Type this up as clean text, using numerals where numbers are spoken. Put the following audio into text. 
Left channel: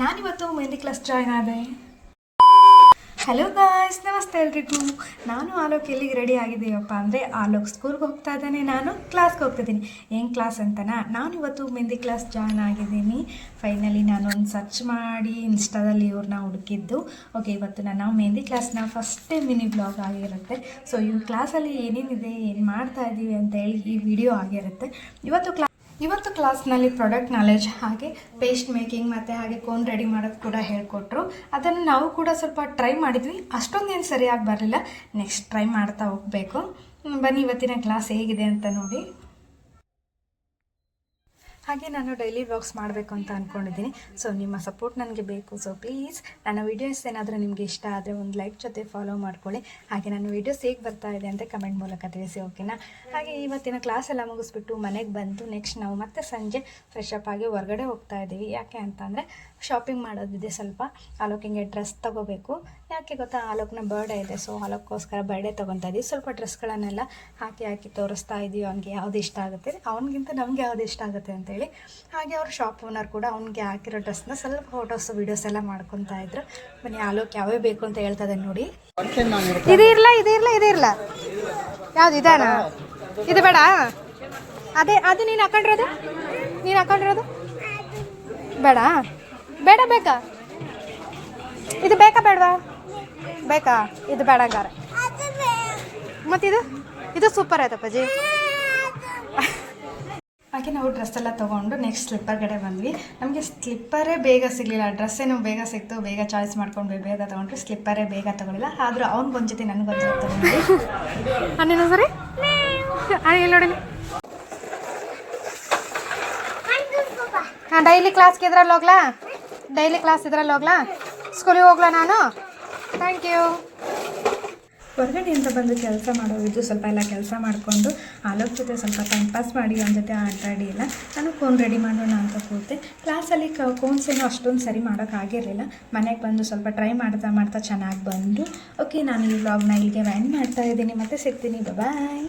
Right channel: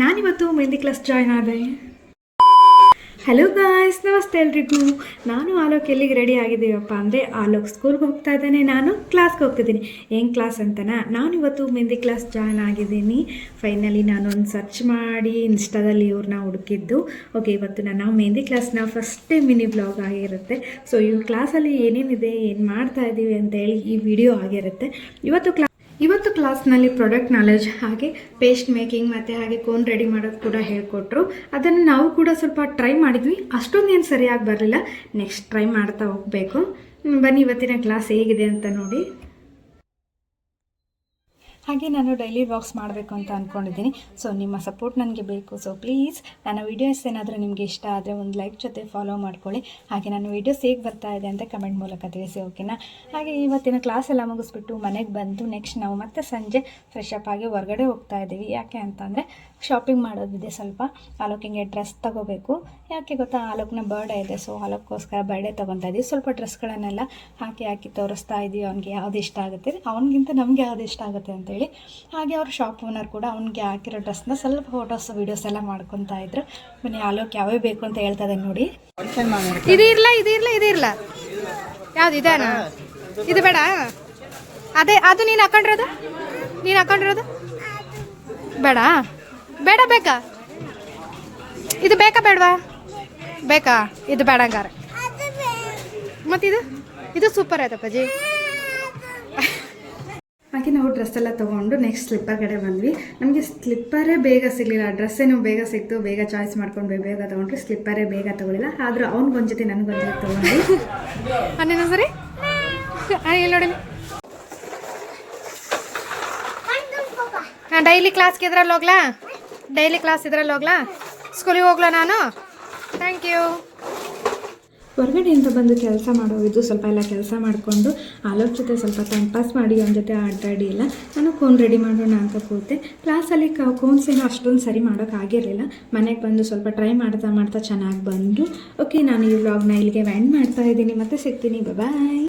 ನಾನಿವತ್ತು mehndi class join ಆದೆ. Hello guys, ನಮಸ್ತೆ ಎಲ್ರಿಗೂ. ನಾನು ಆಲೋಕ್ ಎಲ್ಲಿಗೆ ರೆಡಿ ಆಗಿದ್ದೀವಪ್ಪ ಅಂದರೆ ಆಲೋಕ್ ಸ್ಕೂಲ್ಗೆ ಹೋಗ್ತಾ ಇದ್ದಾನೆ, ನಾನು ಕ್ಲಾಸ್ಗೆ ಹೋಗ್ತಿದ್ದೀನಿ. ಏನು ಕ್ಲಾಸ್ ಅಂತನಾ, ನಾನಿವತ್ತು ಮೆಹಂದಿ ಕ್ಲಾಸ್ ಜಾಯ್ನ್ ಆಗಿದ್ದೀನಿ. ಫೈನಲಿ ನಾನು ಒಂದು ಸರ್ಚ್ ಮಾಡಿ ಇನ್ಸ್ಟಾದಲ್ಲಿ ಇವ್ರನ್ನ ಹುಡುಕಿದ್ದು. ಓಕೆ, ಇವತ್ತು ನಾನು ಮೆಹಂದಿ ಕ್ಲಾಸ್ನ ಫಸ್ಟ್ ಟೈಮ್ ಮಿನಿ ಬ್ಲಾಗ್ ಆಗಿರುತ್ತೆ. ಸೊ ಈ ಕ್ಲಾಸಲ್ಲಿ ಏನೇನಿದೆ, ಏನು ಮಾಡ್ತಾ ಇದ್ದೀವಿ ಅಂತೇಳಿ ಈ ವಿಡಿಯೋ ಆಗಿರುತ್ತೆ. ಇವತ್ತು ಕ್ಲಾಸ್ನಲ್ಲಿ ಪ್ರಾಡಕ್ಟ್ ನಾಲೆಜ್, ಹಾಗೆ ಪೇಸ್ಟ್ ಮೇಕಿಂಗ್ ಮತ್ತು ಹಾಗೆ ಕೋನ್ ರೆಡಿ ಮಾಡೋದು ಕೂಡ ಹೇಳ್ಕೊಟ್ರು. ಅದನ್ನು ನಾವು ಕೂಡ ಸ್ವಲ್ಪ ಟ್ರೈ ಮಾಡಿದ್ವಿ. ಅಷ್ಟೊಂದೇನು ಸರಿಯಾಗಿ ಬರಲಿಲ್ಲ. ನೆಕ್ಸ್ಟ್ ಟ್ರೈ ಮಾಡ್ತಾ ಹೋಗಬೇಕು. ಬನ್ನಿ ಇವತ್ತಿನ ಕ್ಲಾಸ್ ಹೇಗಿದೆ ಅಂತ ನೋಡಿ. ಹಾಗೆ ನಾನು ಡೈಲಿ ವ್ಲಾಗ್ಸ್ ಮಾಡಬೇಕು ಅಂತ ಅಂದ್ಕೊಂಡಿದ್ದೀನಿ. ಸೊ ನಿಮ್ಮ ಸಪೋರ್ಟ್ ನನಗೆ ಬೇಕು. ಸೊ ಪ್ಲೀಸ್ ನನ್ನ ವೀಡಿಯೋಸ್ ಏನಾದರೂ ನಿಮಗೆ ಇಷ್ಟ ಆದರೆ ಒಂದು ಲೈಕ್ ಜೊತೆ ಫಾಲೋ ಮಾಡ್ಕೊಳ್ಳಿ. ಹಾಗೆ ನನ್ನ ವೀಡಿಯೋಸ್ ಹೇಗೆ ಬರ್ತಾ ಇದೆ ಅಂತ ಕಮೆಂಟ್ ಮೂಲಕ ತಿಳಿಸಿ, ಓಕೆನಾ? ಹಾಗೆ ಇವತ್ತಿನ ಕ್ಲಾಸ್ ಎಲ್ಲ ಮುಗಿಸ್ಬಿಟ್ಟು ಮನೆಗೆ ಬಂದು ನೆಕ್ಸ್ಟ್ ನಾವು ಮತ್ತೆ ಸಂಜೆ ಫ್ರೆಶ್ ಅಪ್ ಆಗಿ ಹೊರಗಡೆ ಹೋಗ್ತಾ ಇದ್ದೀವಿ. ಯಾಕೆ ಅಂತಂದರೆ ಶಾಪಿಂಗ್ ಮಾಡೋದಿದೆ. ಸ್ವಲ್ಪ ಆಲೋಕಿಗೆ ಡ್ರೆಸ್ ತೊಗೋಬೇಕು. ಯಾಕೆ ಗೊತ್ತಾ, ಆಲೋಕ್ನ ಬರ್ಡೇ ಇದೆ. ಸೊ ಆಲೋಕ್ಕೋಸ್ಕರ ಬರ್ಡೇ ತೊಗೊತಾ ಇದ್ದೀವಿ. ಸ್ವಲ್ಪ ಡ್ರೆಸ್ಗಳನ್ನೆಲ್ಲ ಹಾಕಿ ತೋರಿಸ್ತಾ ಇದ್ದೀವಿ. ಅವ್ನಿಗೆ ಯಾವ್ದು ಇಷ್ಟ ಆಗುತ್ತೆ, ಅವ್ನಿಗಿಂತ ನಮಗೆ ಯಾವ್ದು ಇಷ್ಟ ಆಗುತ್ತೆ ಅಂತೇಳಿ. ಹಾಗೆ ಅವ್ರ ಶಾಪ್ ಓನರ್ ಕೂಡ ಅವ್ನಿಗೆ ಹಾಕಿರೋ ಡ್ರೆಸ್ನ ಸ್ವಲ್ಪ ಫೋಟೋಸ್ ವೀಡಿಯೋಸ್ ಎಲ್ಲ ಮಾಡ್ಕೊತಾ ಇದ್ರು. ಬನ್ನಿ ಆಲೋಕ್ ಯಾವೇ ಬೇಕು ಅಂತ ಹೇಳ್ತಾ ಇದೆ ನೋಡಿ. ಇದು ಇರಲ್ಲ ಯಾವ್ದು ಇದಾನ, ಇದು ಬೇಡ. ಅದೇ ಅದು ನೀನು ಹಾಕೊಂಡಿರೋದು ಬೇಡ ಬೇಕಾ? ಇದು ಬೇಕಾ ಬೇಡವಾ? ಬೇಕಾ? ಇದು ಬೇಡ ಹಂಗಾರೆ. ಮತ್ತಿದು ಸೂಪರ್ ಆಯ್ತಪ್ಪಾಜಿ. ಹಾಗೆ ನಾವು ಡ್ರೆಸ್ ಎಲ್ಲ ತೊಗೊಂಡು ನೆಕ್ಸ್ಟ್ ಸ್ಲಿಪ್ಪರ್ ಕಡೆ ಬಂದ್ವಿ. ನಮಗೆ ಸ್ಲಿಪ್ಪರೇ ಬೇಗ ಸಿಗಲಿಲ್ಲ. ಡ್ರೆಸ್ಸೇನು ಬೇಗ ಸಿಕ್ತು, ಬೇಗ ಚಾಯ್ಸ್ ಮಾಡ್ಕೊಂಡು ಬೇಗ ತೊಗೊಂಡ್ರಿ. ಸ್ಲಿಪ್ಪರೇ ಬೇಗ ತೊಗೊಳಿಲ್ಲ. ಆದರೂ ಅವ್ನಿಗೊಂದು ಜೊತೆ ನನಗೊಂದು ಜೊತೆ ತೊಗೊಂಡ್ವಿ. ಅನ್ನೇನೋ ಸರಿ ನೋಡೋಣ. ಹಾಂ, ಡೈಲಿ ಕ್ಲಾಸ್ಗೆ ಇದ್ರಲ್ಲಿ ಹೋಗ್ಲಾ? ಸ್ಕೂಲಿಗೆ ಹೋಗ್ಲಾ ನಾನು? Thank you. ಹೊರಗಡೆಯಿಂದ ಬಂದು ಕೆಲಸ ಮಾಡೋದು, ಸ್ವಲ್ಪ ಎಲ್ಲ ಕೆಲಸ ಮಾಡಿಕೊಂಡು ಆಲೋಕ್ ಜೊತೆ ಸ್ವಲ್ಪ ಟೈಮ್ ಪಾಸ್ ಮಾಡಿ ಅವನ ಜೊತೆ ಆಟಾಡಿ ಇಲ್ಲ. ನಾನು ಕೋನ್ ರೆಡಿ ಮಾಡೋಣ ಅಂತ ಕೂತೆ. ಕ್ಲಾಸಲ್ಲಿ ಕೋನ್ಸೇನು ಅಷ್ಟೊಂದು ಸರಿ ಮಾಡೋಕ್ಕಾಗಿರಲಿಲ್ಲ. ಮನೆಗೆ ಬಂದು ಸ್ವಲ್ಪ ಟ್ರೈ ಮಾಡ್ತಾ ಚೆನ್ನಾಗಿ ಬಂದು. ಓಕೆ, ನಾನು ಈ ವ್ಲಾಗ್ನ ಇಲ್ಲಿಗೆ ಎಂಡ್ ಮಾಡ್ತಾ ಇದ್ದೀನಿ. ಮತ್ತೆ ಸಿಗ್ತೀನಿ. ಬಾಯ್.